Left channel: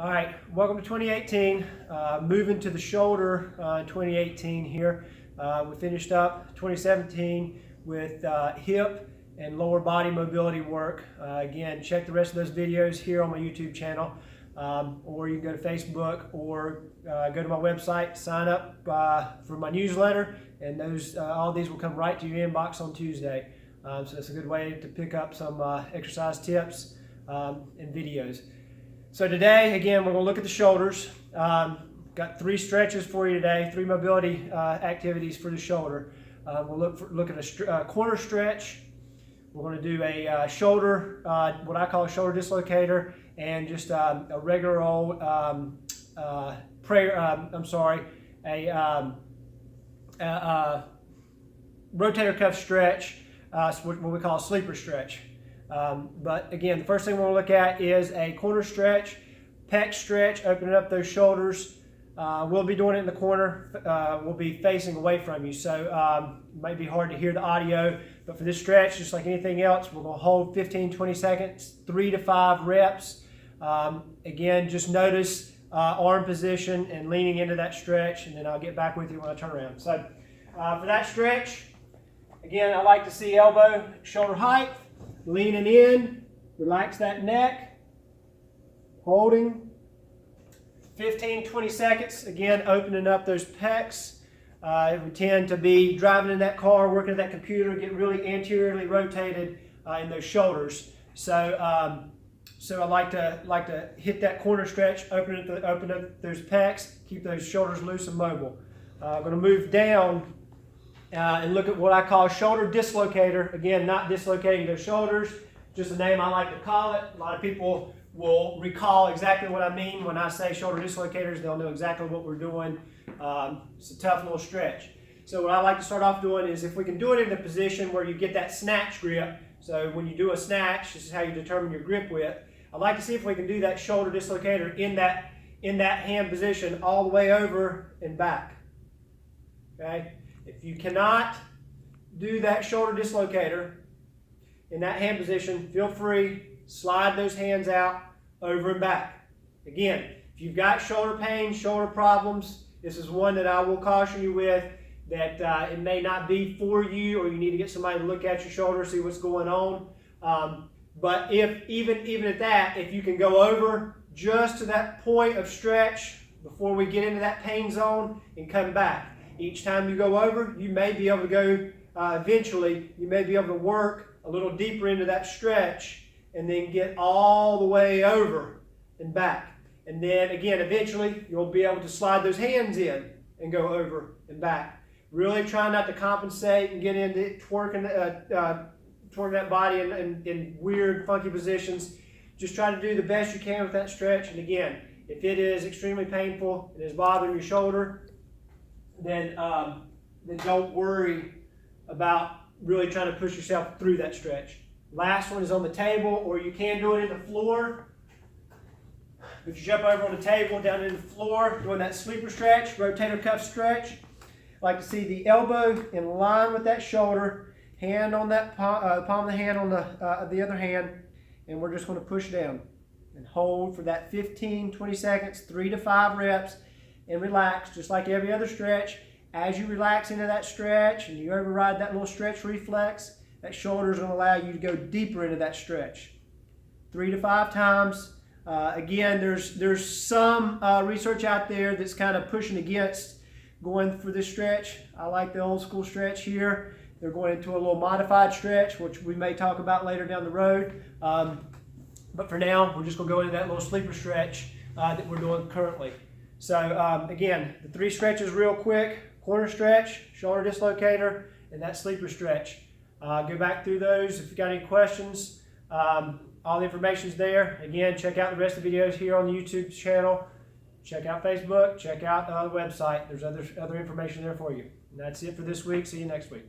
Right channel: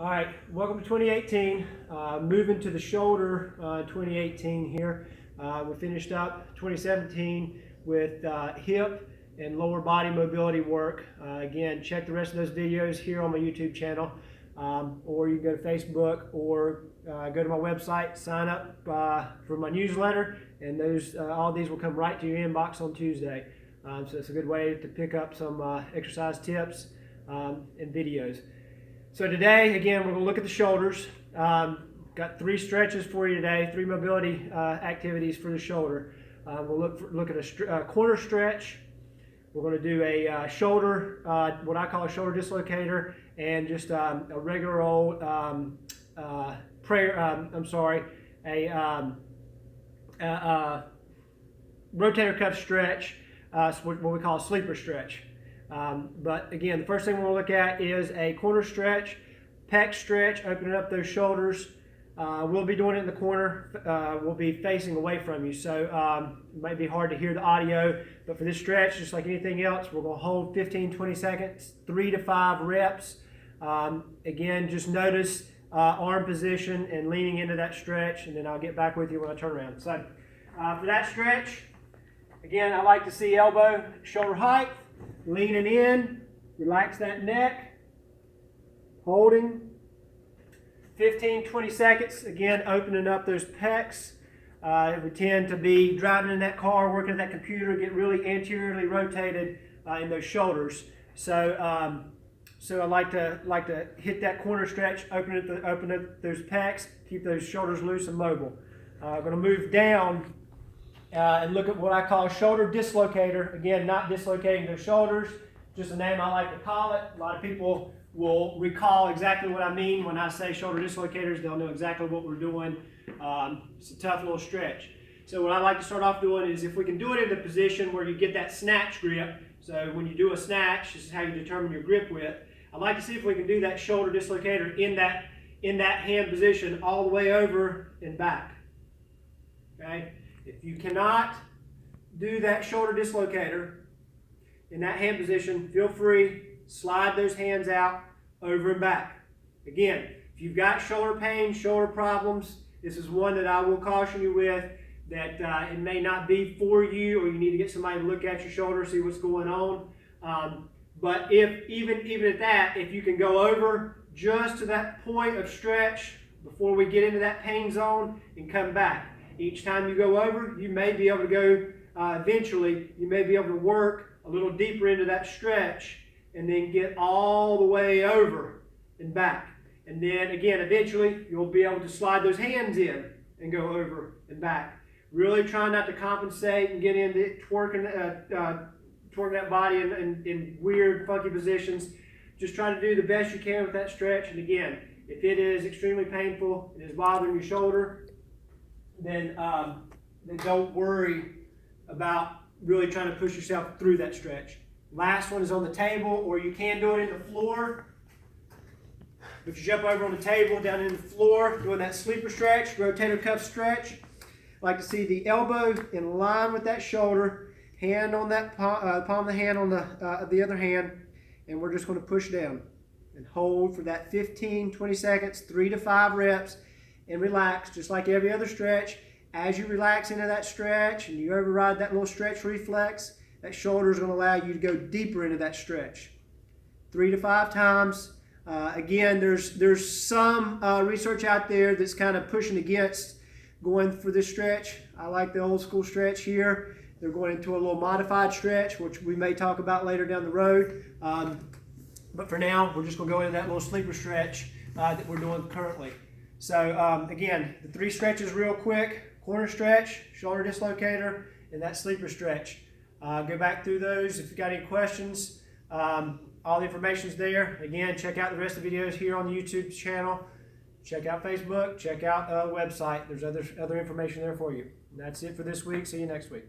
All right, welcome to 2018. Moving to the shoulder 2018 here. We finished up 2017 with hip and lower body mobility work. Again, check the rest of those videos here on my YouTube channel, or you can go to Facebook or go to my website, sign up for my newsletter, and all these will come right to your inbox on Tuesday. So it's a good way to pick up some exercise tips and videos. So today, again, we're going to look at the shoulders. Got 3 stretches for you today, 3 mobility activities for the shoulder. We'll look at a corner stretch. We're going to do a shoulder, what I call a shoulder dislocator, and just a regular old rotator cuff stretch, what we call a sleeper stretch. But again, the first thing we'll look at is a corner stretch, pec stretch, opening up those shoulders. We'll be doing it in the corner. We'll be facing away from you, so it might be hard to hear the audio, but for this stretch, just like anything else, we're going to hold 15-20 seconds, 3 to 5 reps. Again, just notice arm position and leaning into that stretch, and then I'll get back with you when I turn around. So for that stretch, again, I like to see elbow, shoulder height, leaning in, relax that neck, holding 15-20 seconds, again opening up those pecs. We tend to be driving in that car, working at that computer, get really anteriorly rotated in those shoulders. So I like to hit that corner stretch, open up those pecs, keep those shoulders loose and mobile. I'm going to move down and look at what I call shoulder dislocator. Again, not dislocating their shoulders, just a name I like to call it. A lot of people will recall exactly what I mean when I say shoulder dislocators. They'll know exactly what we're doing. It's a tough little stretch. So what I like to start off doing is, if we can do it in a position where you get that snatch grip. So when you do a snatch, this is how you determine your grip width. I'd like to see if we can do that shoulder dislocator in that hand position all the way over and back. Okay? If you cannot do that shoulder dislocator in that hand position, feel free, slide those hands out over and back. Again, if you've got shoulder pain, shoulder problems, this is one that I will caution you with, that it may not be for you, or you need to get somebody to look at your shoulder, see what's going on. But if even at that, if you can go over just to that point of stretch before we get into that pain zone and come back. Each time you go over, you may be able to go, eventually, you may be able to work a little deeper into that stretch and then get all the way over and back. And then again, eventually, you'll be able to slide those hands in and go over and back. Really try not to compensate and get into twerking that body in weird, funky positions. Just try to do the best you can with that stretch. And again, if it is extremely painful and is bothering your shoulder, then don't worry about really trying to push yourself through that stretch. Last one is on the table, or you can do it in the floor. But you jump over on the table, down in the floor, doing that sleeper stretch, rotator cuff stretch. I like to see the elbow in line with that shoulder, hand on that palm of the hand on the other hand, and we're just going to push down and hold for that 15-20 seconds, 3 to 5 reps. And relax, just like every other stretch. As you relax into that stretch and you override that little stretch reflex, that shoulder is going to allow you to go deeper into that stretch. 3 to 5 times. Again, there's some research out there that's kind of pushing against going for this stretch. I like the old school stretch here. They're going into a little modified stretch, which we may talk about later down the road. But for now, we're just going to go into that little sleeper stretch that we're doing currently. So again, the 3 stretches real quick: corner stretch, shoulder dislocator, and that sleeper stretch. Go back through those if you've got any questions. All the information's there. Again, check out the rest of the videos here on the YouTube channel. Check out Facebook, check out the website. There's other information there for you. And that's it for this week. See you next week.